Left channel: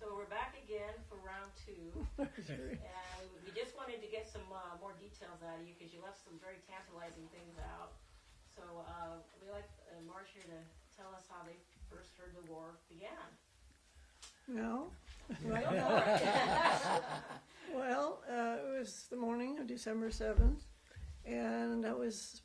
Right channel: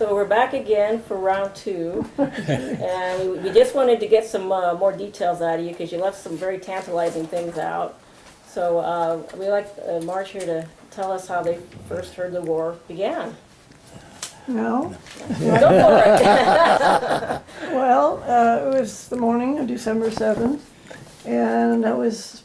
So we're back again for round two, and we just wanted to get some more details out of you because you left some very tantalizing things out. So we'd like Marge here to tell us how they first heard the war began. No. Go for it. Well, it was the morning of December 7th, and I was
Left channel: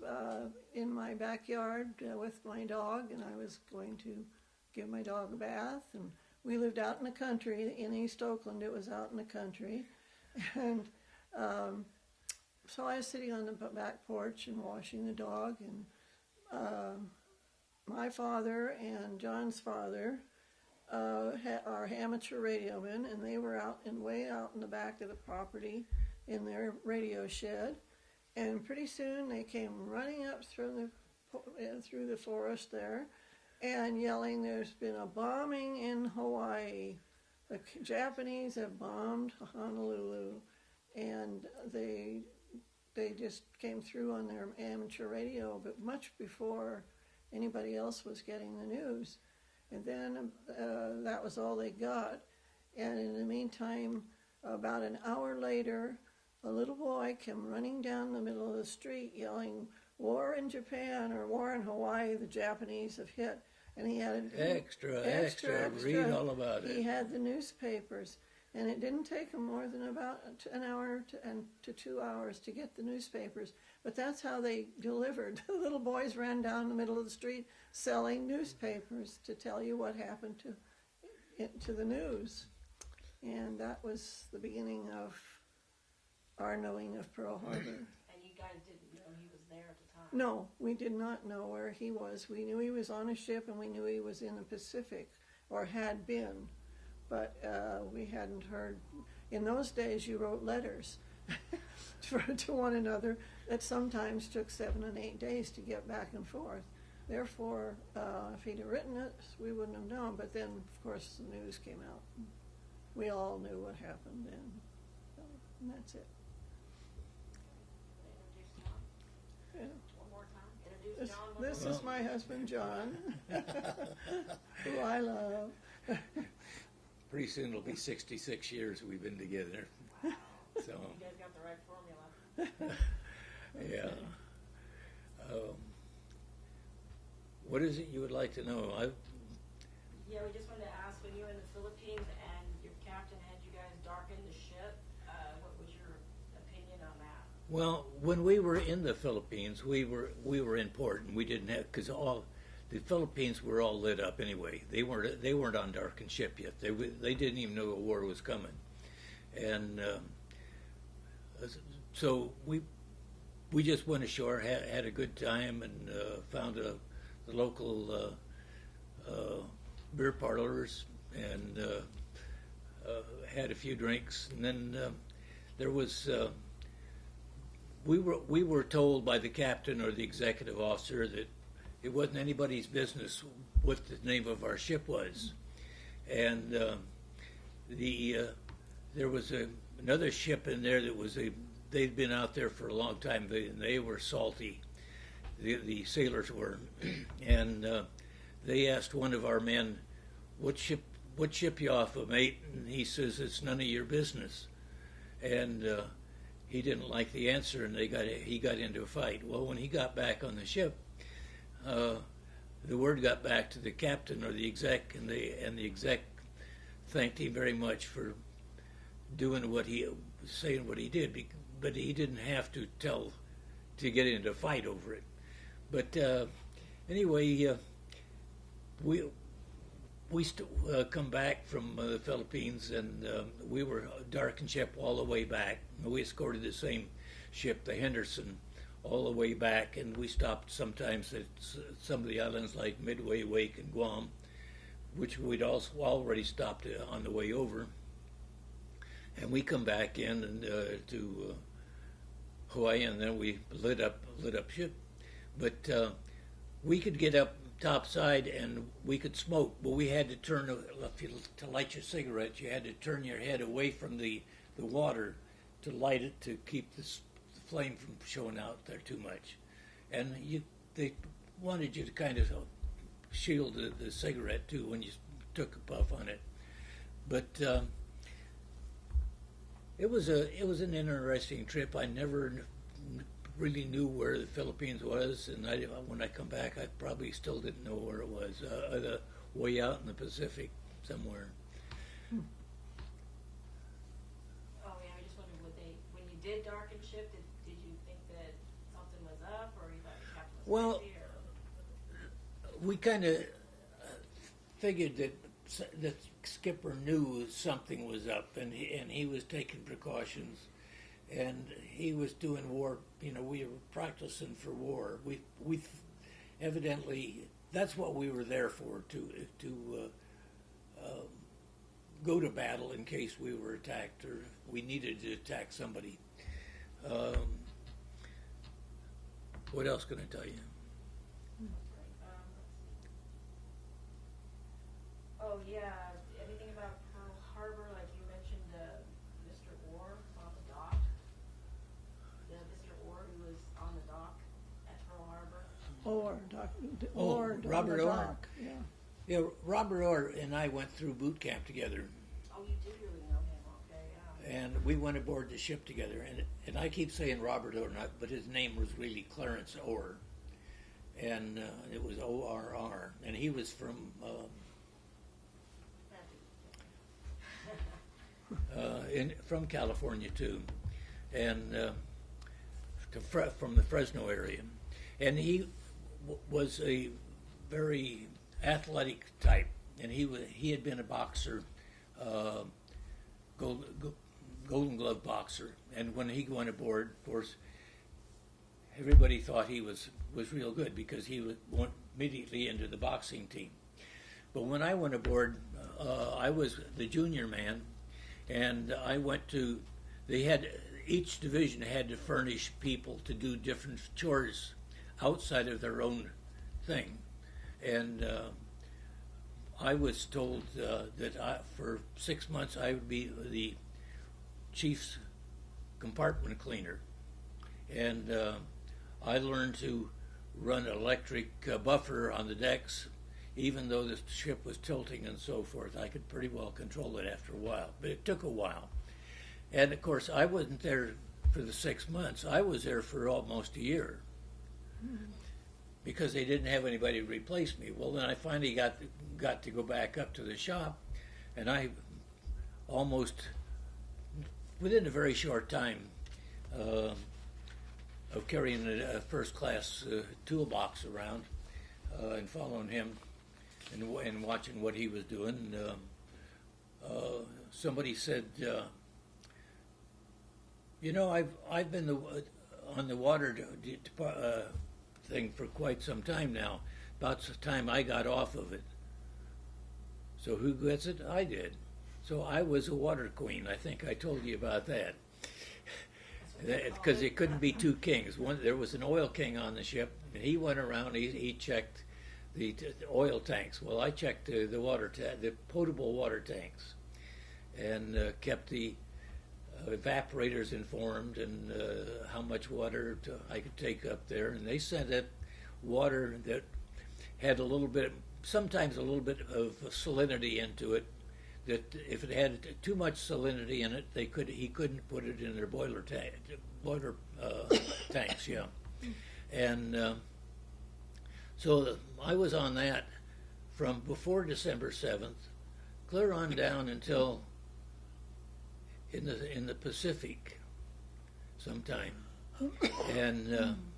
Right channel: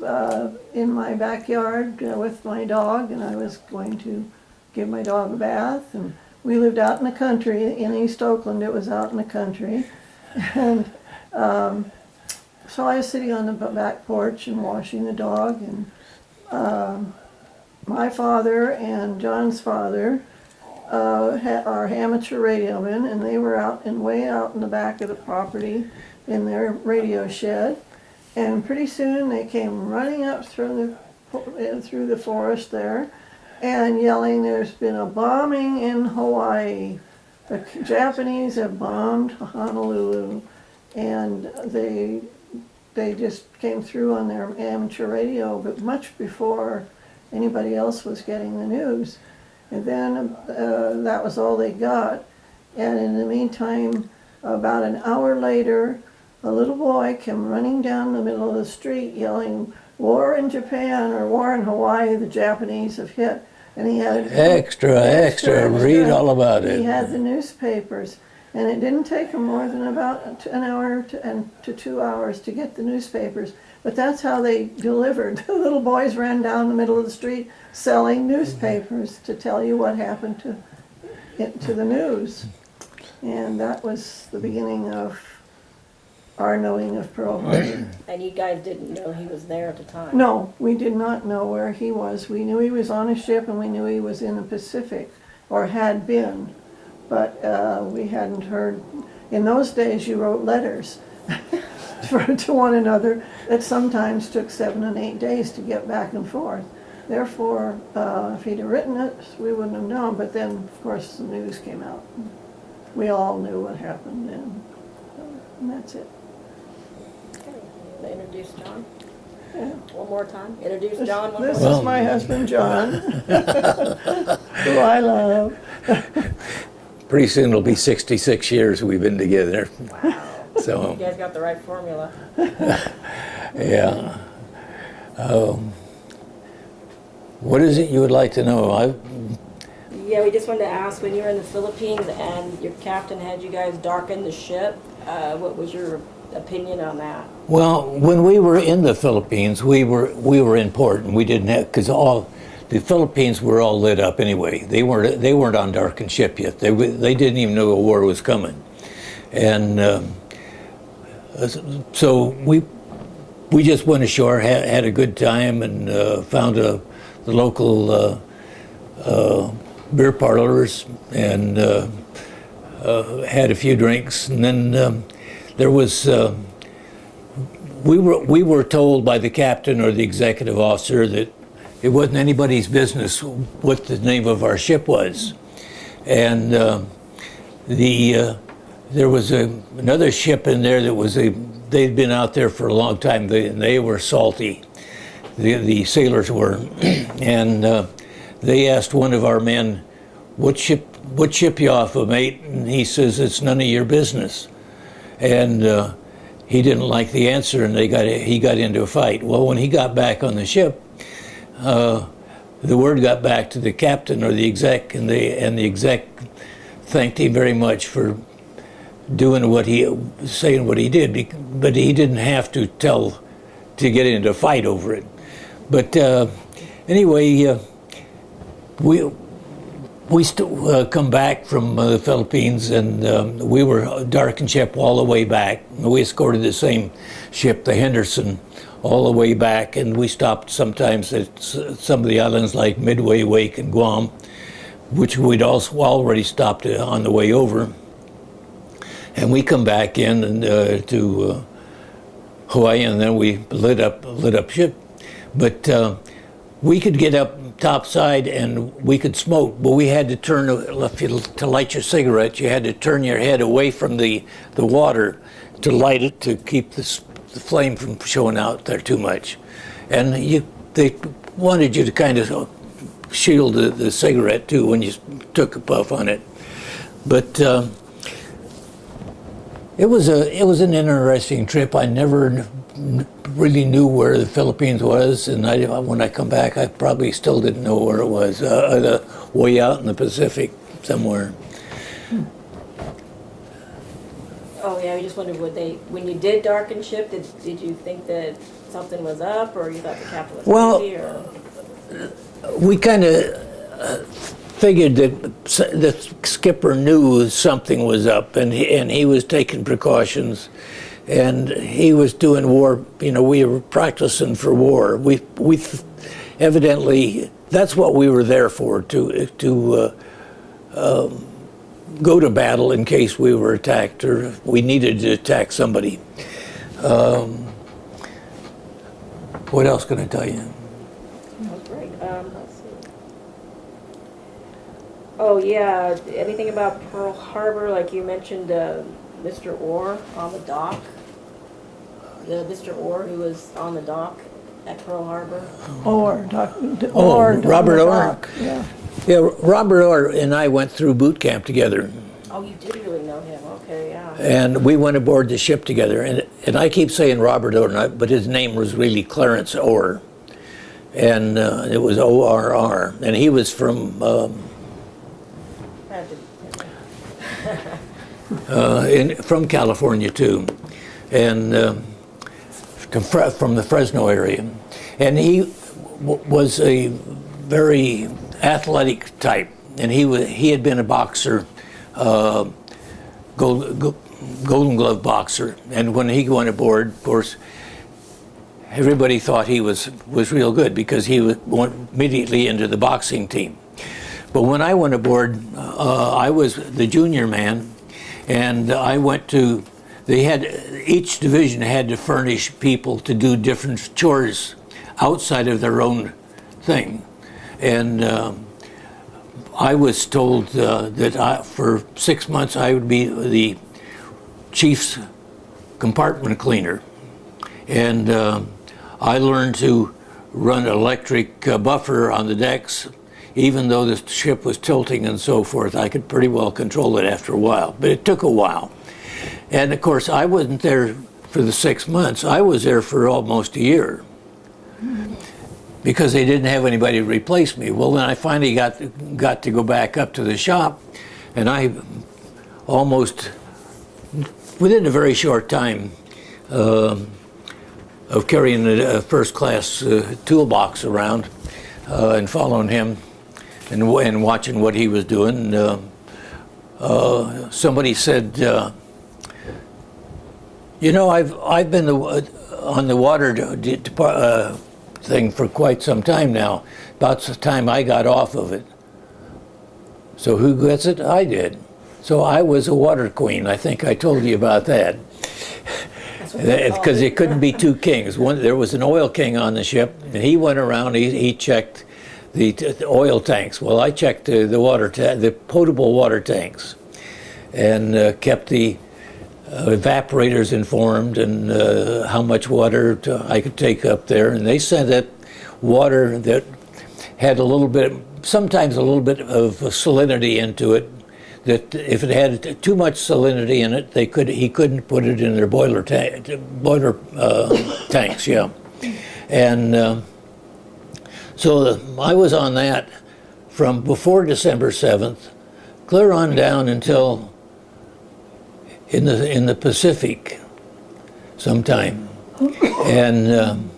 in my backyard with my dog, and I was going to give my dog a bath. And we lived out in the country, in East Oakland. It was out in the country. And so I was sitting on the back porch and washing the dog, and my father and John's father are amateur radiomen, and they were way out in the back of the property in their radio shed. And pretty soon they came running up through the forest there and yelling, "There's been a bombing in Hawaii. The Japanese have bombed Honolulu." And they just came through on their amateur radio, but much before anybody else was getting the news. And then that was all they got. And in the meantime, about an hour later, a little boy came running down the middle of the street yelling, "War in Japan," or "War in Hawaii, the Japanese have hit." And he had extra, read all about it. He had the newspapers. And it didn't take him more than about an hour to 2 hours to get the newspapers. But that's how they delivered. The little boys ran down the middle of the street selling newspapers to tell you what happened to the news. And that was the beginning of our knowing of Pearl Harbor. And you guys didn't know he was there at the time? No, we did not know where he was. We knew he was on a ship, and we knew he was in the Pacific, or had been. But we hadn't heard. In those days, you wrote letters to one another that sometimes took 7 and 8 days to get back and forth. Therefore, if he'd have written it, we wouldn't have known. But then, of course, the news came out. We all knew what happened, and that's it. They introduced John? Yeah. One more time. Introduce John one more This time. is my husband, John, who I love. Pretty soon it'll be 66 years we've been together. Wow. So, You guys got the right formula. yeah. What is it you would like to know? Yeah, we just wanted to ask, when you were in the Philippines and your captain had you guys darken the ship, what was your opinion on that? Well, when we were in the Philippines, we were in port, and we didn't have, because all the Philippines were all lit up anyway. They weren't on darkened ship yet. They didn't even know a war was coming, and so we just went ashore, had a good time, and found the local beer parlors, and had a few drinks, and then there was. We were told by the captain or the executive officer that it wasn't anybody's business what the name of our ship was, and there was another ship in there that was they'd been out there for a long time. They were salty, the sailors were, and they asked one of our men, "What ship you off of, mate?" And he says, "It's none of your business," and he didn't like the answer, and he got into a fight. Well, when he got back on the ship, the word got back to the captain or the exec, and the exec thanked him very much for saying what he did, but he didn't have to get into a fight over it. But anyway, we still come back from the Philippines, and we were darkened ship all the way back. We escorted the same ship, the Henderson, all the way back, and we stopped sometimes at some of the islands like Midway, Wake, and Guam, which we'd also already stopped on the way over. And we come back in and to Hawaii, and then we lit up ship. But we could get up topside and we could smoke, but we had to to light your cigarette, you had to turn your head away from the water to light it, to keep the flame from showing out there too much. And they wanted you to kind of shield the cigarette too when you took a puff on it. But it was an interesting trip. I never really knew where the Philippines was, and when I come back, I probably still didn't know where it was. Way out in the Pacific somewhere. Oh yeah, I just wondered, when you did darken ship, did you think that something was up, or you thought the captain was crazy, or? We kind of figured that the skipper knew something was up, and he was taking precautions, and he was doing war. You know, we were practicing for war. We evidently, that's what we were there for, to go to battle in case we were attacked or we needed to attack somebody. What else can I tell you? That's great. Let's see. Oh yeah, anything about Pearl Harbor? Like you mentioned, Mr. Orr on the dock. Mr. Orr who was on the dock at Pearl Harbor. Robert Orr. Yeah. Yeah, Robert Orr and I went through boot camp together. Oh, you did really know him. Okay, yeah. And we went aboard the ship together. And I keep saying Robert Orr, but his name was really Clarence Orr. And it was O-R-R. And he was from from California too, and from the Fresno area. And he was a very athletic type, and he had been a boxer, Golden Glove boxer. And when he went aboard, of course, everybody thought he was real good because he went immediately into the boxing team. But when I went aboard, I was the junior man, and I went to. Each division had to furnish people to do different chores outside of their own thing, and I was told that for 6 months I would be the chief's compartment cleaner, and I learned to run electric buffer on the decks. Even though the ship was tilting and so forth, I could pretty well control it after a while, but it took a while. And of course, I wasn't there for the 6 months. I was there for almost a year because they didn't have anybody to replace me. Well, then I finally got to go back up to the shop, and I almost, within a very short time of carrying a first-class toolbox around and following him and watching what he was doing, somebody said, you know, I've been on the water thing for quite some time now. About the time I got off of it. So who gets it? I did. So I was a water queen. I think I told you about that. Because it couldn't be two kings. There was an oil king on the ship, and he went around. He checked the oil tanks. Well, I checked the potable water tanks, and kept the evaporators informed and how much water I could take up there. And they said that water that had a little bit, sometimes a little bit of salinity into it, that if it had too much salinity in it, he couldn't put it in their boiler tanks, yeah. And so I was on that from before December 7th, clear on down until in the Pacific sometime. And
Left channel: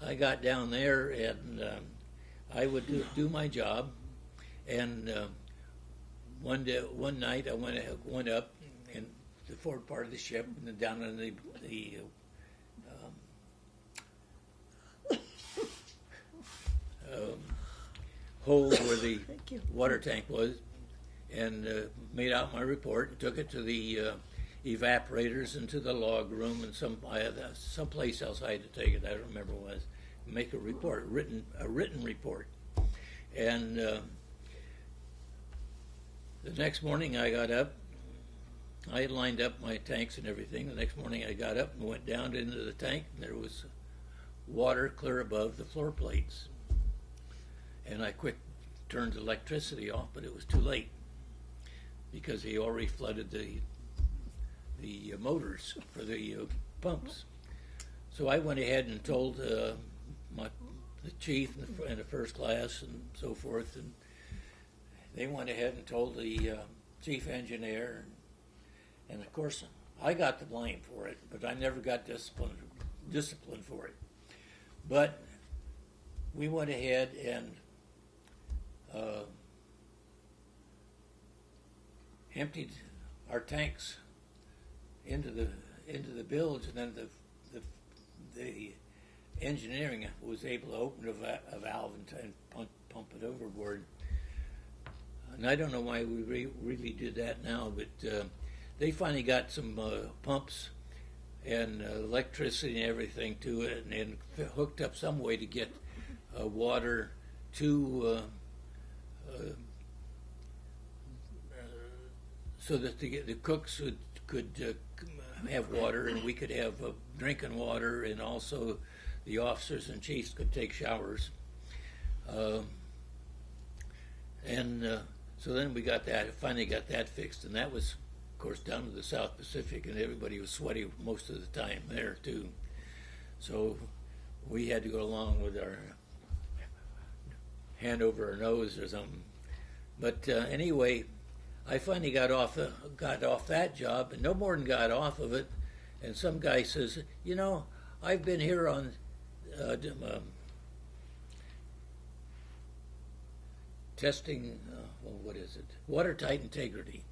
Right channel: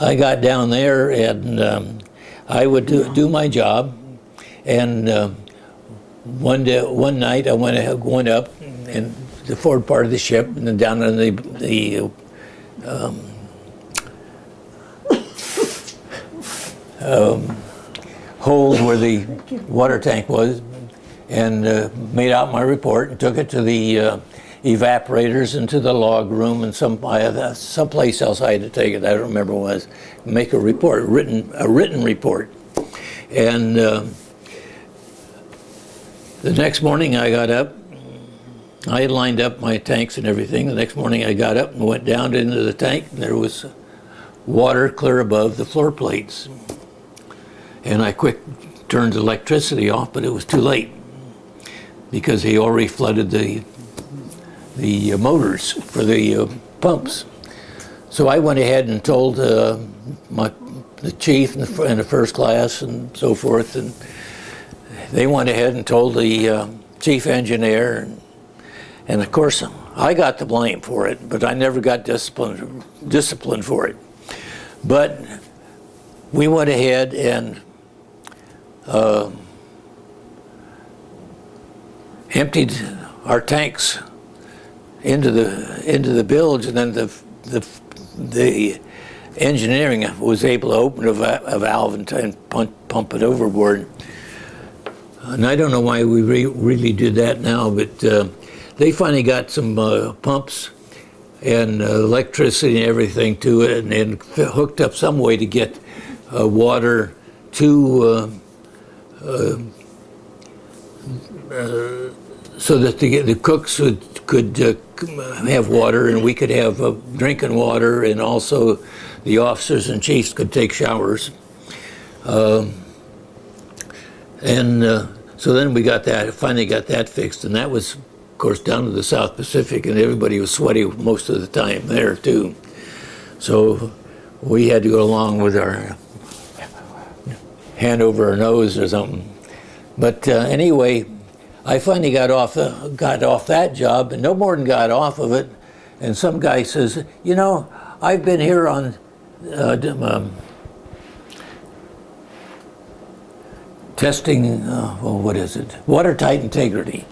I got down there, and I would do my job, and one night I went up in the forward part of the ship, and then down in the hold where the water tank was, and made out my report and took it to the evaporators and to the log room and someplace else I had to take it. I don't remember what it was. Make a report, a written report, and the next morning I got up. I had lined up my tanks and everything. The next morning I got up and went down into the tank, and there was water clear above the floor plates. And I quick turned the electricity off, but it was too late. because he already flooded the motors for the pumps. So I went ahead and told the chief and the first class and so forth, and they went ahead and told the chief engineer, and of course I got the blame for it, but I never got disciplined for it. But we went ahead and emptied our tanks into the bilge, and then the engineering was able to open a valve and pump it overboard. And I don't know why we really did that now, but they finally got some pumps and electricity and everything to it, and hooked up some way to get water to so that the cooks could have water, and we could have drinking water, and also the officers and chiefs could take showers. So then we finally got that fixed, and that was, of course, down to the South Pacific, and everybody was sweaty most of the time there too. So we had to go along with our hand over our nose or something. But anyway, I finally got off that job, and no more than got off of it. And some guy says, "You know, I've been here on testing, watertight integrity."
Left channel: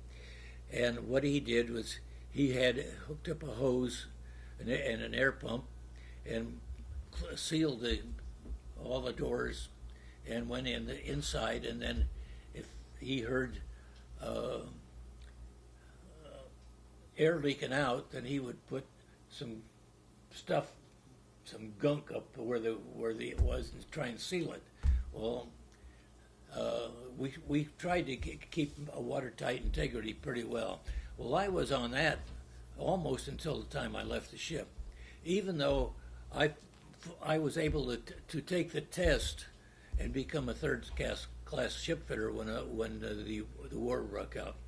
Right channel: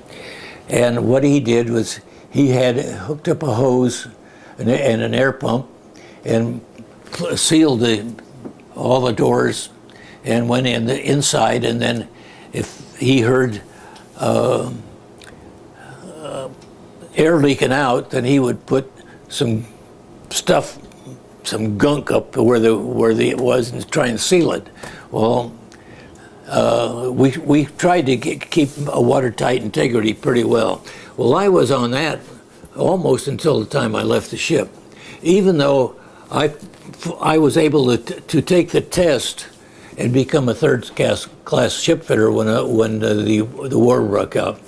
And what he did was he had hooked up a hose and an air pump and sealed all the doors and went in the inside, and then if he heard air leaking out, then he would put some stuff, some gunk up where it was, and try and seal it. Well, we tried to keep a watertight integrity pretty well. Well, I was on that almost until the time I left the ship, even though I was able to take the test and become a third class ship fitter when the war broke out,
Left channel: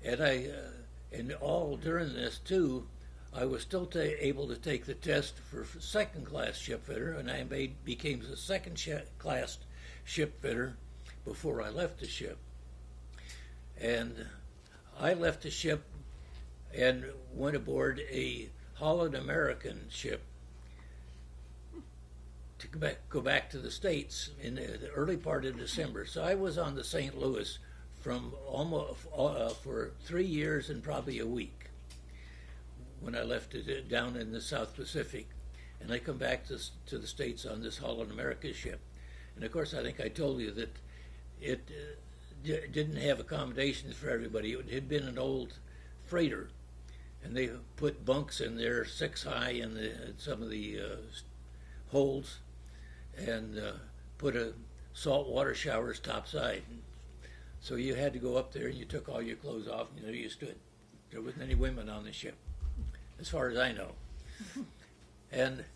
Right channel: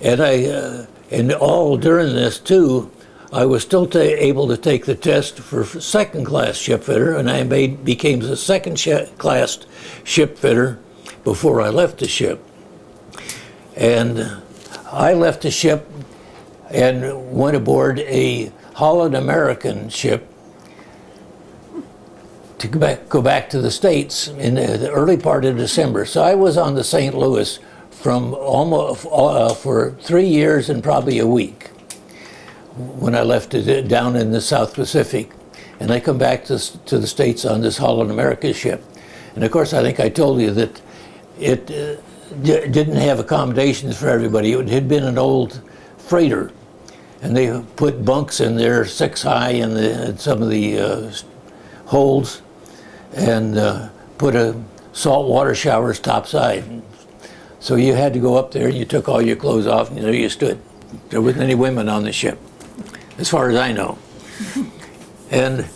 and all during this too, I was still able to take the test for second class ship fitter, and I became the second class ship fitter before I left the ship. And I left the ship and went aboard a Holland American ship to go back to the States in the early part of December. So I was on the St. Louis from almost for 3 years and probably a week when I left it down in the South Pacific. And I come back to the States on this Holland America ship. And of course, I think I told you that it didn't have accommodations for everybody. It had been an old freighter, and they put bunks in there 6 high in some of the holds, and put saltwater showers topside. So you had to go up there and you took all your clothes off, and there you stood. There wasn't any women on the ship, as far as I know. And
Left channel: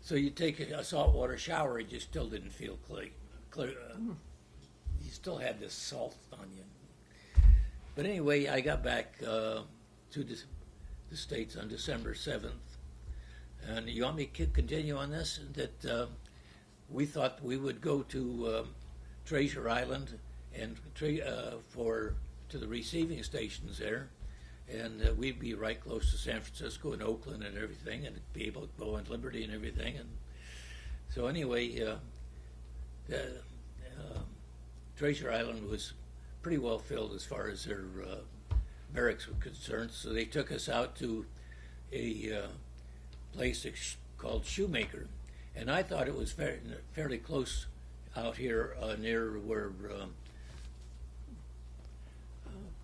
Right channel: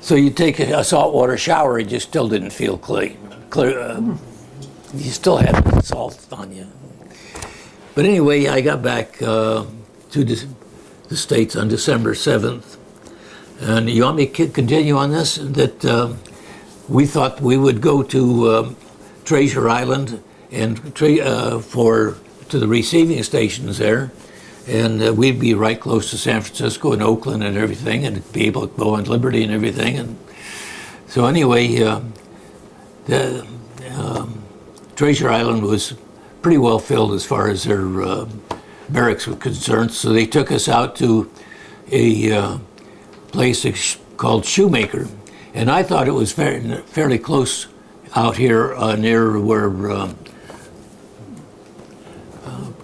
so you take a saltwater shower, it just still didn't feel clean. You still had the salt on you. But anyway, I got back to the States on December 7th. And you want me to continue on this? That we thought we would go to Treasure Island and to the receiving stations there, and we'd be right close to San Francisco and Oakland and everything, and be able to go on Liberty and everything. And so anyway, the Treasure Island was pretty well filled as far as their barracks were concerned. So they took us out to a place called Shoemaker, and I thought it was fairly close out here near where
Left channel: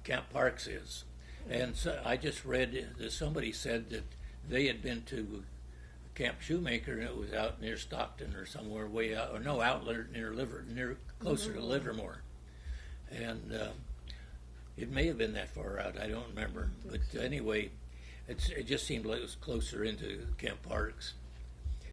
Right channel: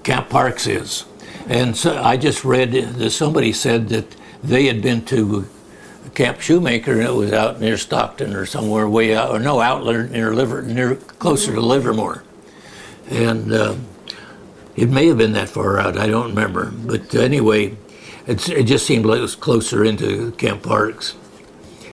Camp Parks is. And so I just read that somebody said that they had been to Camp Shoemaker, and it was out near Stockton or somewhere way out, or no, out near closer to Livermore. And it may have been that far out, I don't remember. But anyway, it just seemed like it was closer into Camp Parks.